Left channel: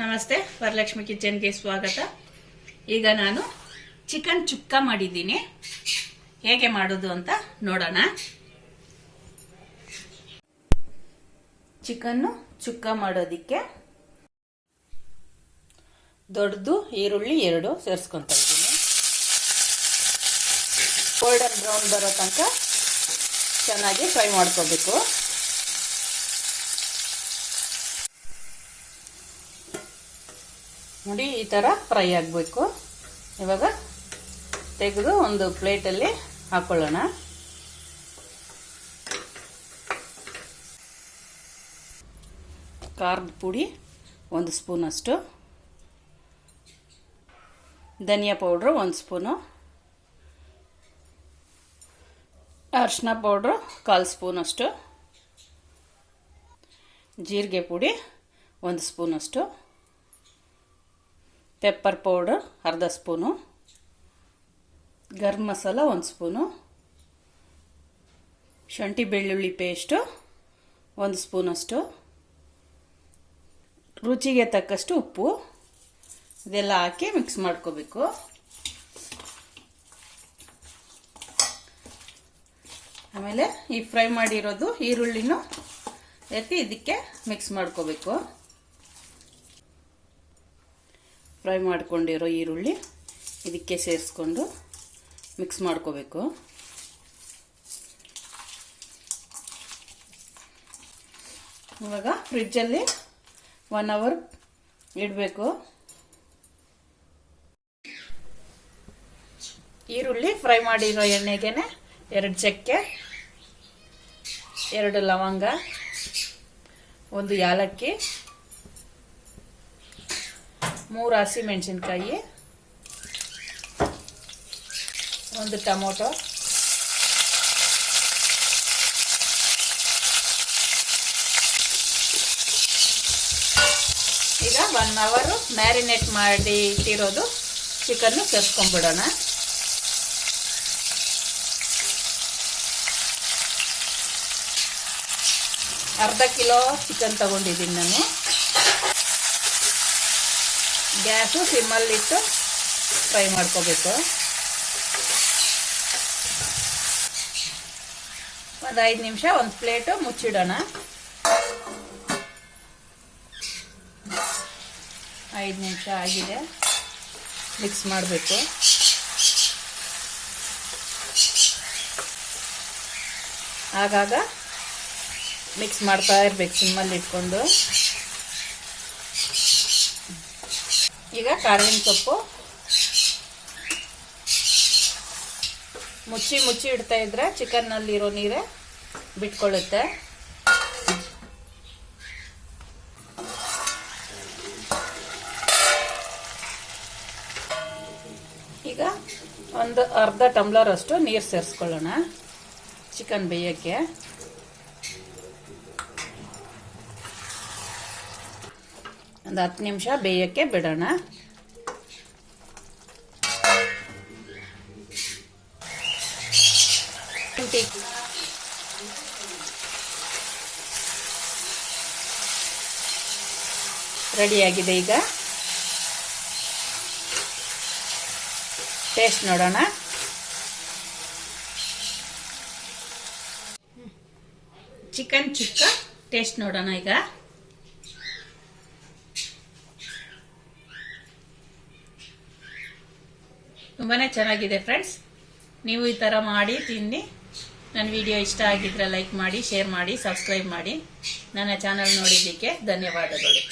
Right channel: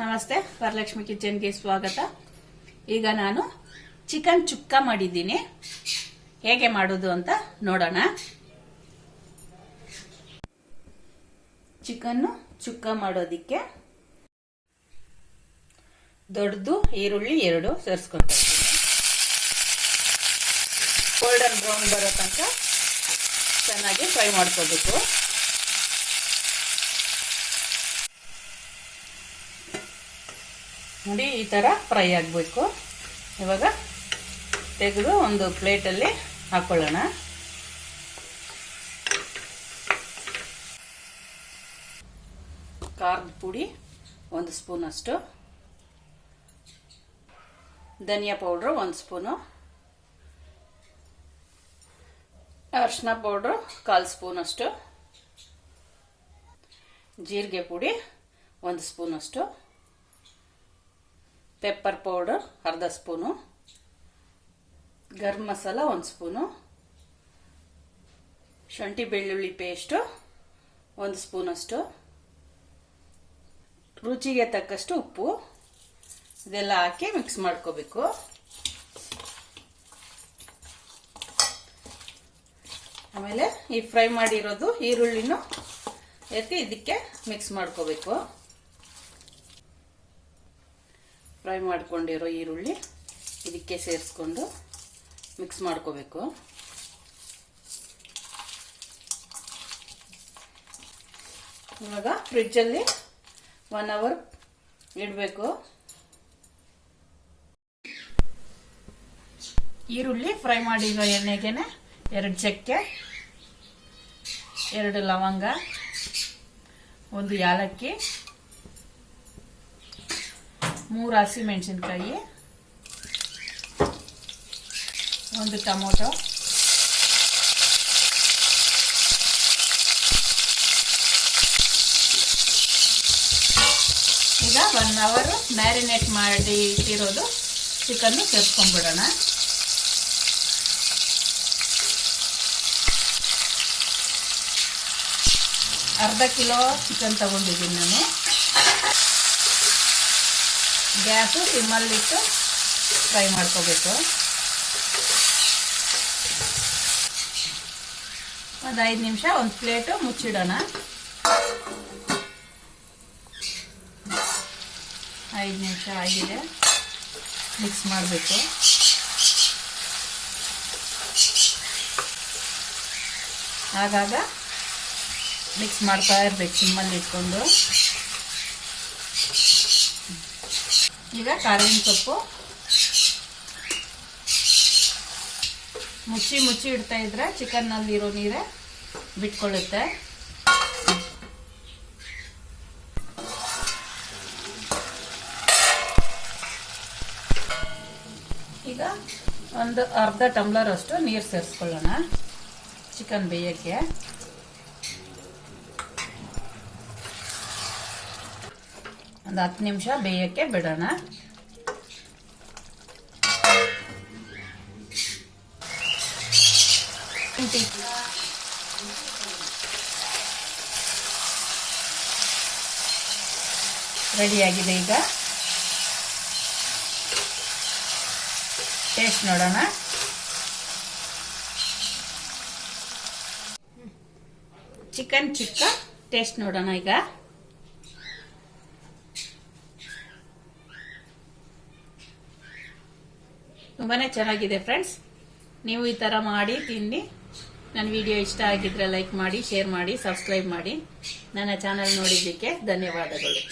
ನಮಸ್ತೆ, ವರಲಕ್ಷ್ಮಿ ಕಿಚನ್ಗೆ ಸ್ವಾಗತ. ಈಗ ನಾನು ಚಿಕನ್ ಚುಕ್ಕ ಮಾಡಿದ್ದೀನಿ. ಹೇಗೆ ಮಾಡೋದು ಅಂತ ನೋಡೋಣ. ಚಿಕನ್ ಚುಕ್ಕ ಮಾಡೋದಿಕ್ಕೆ ದೊಡ್ಡದು ಈರುಳ್ಳಿ 2 ಸೇರಿಸ್ಕೊಂತ ಇದ್ದೀನಿ. ಗೋಲ್ಡನ್ ಬ್ರೌನ್ ಬರೋ ತನಕ ಚೆನ್ನಾಗಿ ಫ್ರೈ ಮಾಡ್ಕೋಬೇಕು. ನೋಡಿ, ಈ ಥರ ಫ್ರೈ ಆಗಬೇಕು. ಇವಾಗ ತೆಗೆದು ಒಂದು ಪ್ಲೇಟಲ್ಲಿ ಹಾಕೊಳ್ಳೋಣ. ಖಾರದ ಪುಡಿ 1 ಸ್ಪೂನ್ ಅಷ್ಟು, ಧನಿಯಾ ಪೌಡ್ರು 1 ಸ್ಪೂನು, ಅರಿಶಿನ ಪೌಡ್ರು 1/4 ಸ್ಪೂನ್ ಅಷ್ಟು, ಜೀರಿಗೆ ಪುಡಿ 1 ಸ್ಪೂನ್ ಅಷ್ಟು, pepper powder 1/2 spoon, garam masala 1 spoon, ಶುಂಠಿ ಬೆಳ್ಳುಳ್ಳಿ ಪೇಸ್ಟು 1 ಸ್ಪೂನ್ ಅಷ್ಟು, ರುಚಿಗೆ ತಕ್ಕಷ್ಟು ಉಪ್ಪು, ಇದೆಲ್ಲ ಹಾಕಿ ಮಿಕ್ಸ್ ಮಾಡ್ಕೋಬೇಕು. ಆಮೇಲೆ ಈ ಫ್ರೈ ಮಾಡಿರೋದು ಈರುಳ್ಳಿನೂ ಎತ್ತಿ ಇದಕ್ಕೆ ಮಿಕ್ಸ್ ಮಾಡ್ಕೋಬೇಕು. ಫ್ರೈ ಮಾಡ್ಕೊಂಡಿರೋ ಈರುಳ್ಳಿ ಇದಕ್ಕೆ ಸೇರಿಸ್ಕೊಂಡು ಮಿಕ್ಸ್ ಮಾಡ್ಕೋಬೇಕು. ಇವಾಗ ಫ್ರಿಡ್ಜಲ್ಲಿ 1 ಅವರ್ ಇಡಬೇಕು. ಈರುಳ್ಳಿ ಫ್ರೈ ಮಾಡಿರೋ ಎಣ್ಣೆಗೆನೆ 2 ಚಕ್ಕೆ, 2 ಲವಂಗ, 1 ಯಾಲಕ್ಕಿ, 3 ಹಸಿಮೆಣಸಿನಕಾಯಿ, 1 ಟೊಮೊಟೊ, ಈಗ 1 ಅವರ್ ಮ್ಯಾರಿನೇಟ್ ಮಾಡಿ ಇಟ್ಟಿರೋದು ಚಿಕನ್ ಸೇರಿಸ್ಕೊಂಡ್ಬಿಡೋಣ. ಅರ್ಧ ಕಿಲೋ ಚಿಕನ್ ತಗೊಂಡಿದ್ದೀನಿ ನಾನು. ಗ್ಯಾಸು ಸಿಮ್ಮಲ್ಲಿಟ್ಟು ಫ್ರೈ ಮಾಡ್ಕೋಬೇಕು. ಒಂದು 5 ನಿಮಿಷ ಒಂದು ಪ್ಲೇಟು ಮುಚ್ಚಿಡೋಣ. 5 ನಿಮಿಷ ಆಗಿದೆ. ಮಿಕ್ಸ್ ಮಾಡಬೇಕು. ಆಗಾಗ ಮಿಕ್ಸ್ ಮಾಡ್ತಾ ಇರ್ಬೇಕು ಸಿಮ್ಮಲ್ಲಿ ಇಟ್ಕೊಂಡು. ಈಗ ಕಾಳಿನ ಸೊಪ್ಪು ಮುಚ್ಚಿ ಇಡ್ತಾ ಇದ್ರೆ ಚಿಕನ್ನಲ್ಲಿರೋ ನೀರೇ ಬಿಟ್ಕೊಳ್ಳುತ್ತೆ. ಈಗ ಒಂದು ಅರ್ಧ ಟಂಬ್ಲರ್ ಅಷ್ಟು ನೀರು ಸೇರಿಸ್ಕೊಳ್ಳೋಣ ಚಿಕನ್ ಬೇಯಕ್ಕೆ. ಒಂದು 10 ನಿಮಿಷ ಬೇಯಕ್ಕೆ ಬಿಡೋಣ. ರೆಡಿಯಾಗಿದೆ. ಈಗ ಟೇಸ್ಟ್ ನೋಡೋಣ. ಚಿಕನ್ ಚುಕ್ಕ ಟೇಸ್ಟ್ ನೋಡೋಣ. ಈಗ ತುಂಬಾನೇ ಚೆನ್ನಾಗಿದೆ ಫ್ರೆಂಡ್ಸ್. ನೀವು ಈ ಥರ ಮಾಡಿ ತಿನ್ನಿ. ನನ್ನ ವಿಡಿಯೋ ಇಷ್ಟ ಆಗಿದ್ರೆ ಲೈಕ್ ಮಾಡಿ, ಶೇರ್ ಮಾಡಿ, ಸಬ್ಸ್ಕ್ರೈಬ್ ಮಾಡಿ. ನನ್ನ ಚಾನಲ್ ನೋಡಿದ್ದಕ್ಕೆ ಧನ್ಯವಾದಗಳು.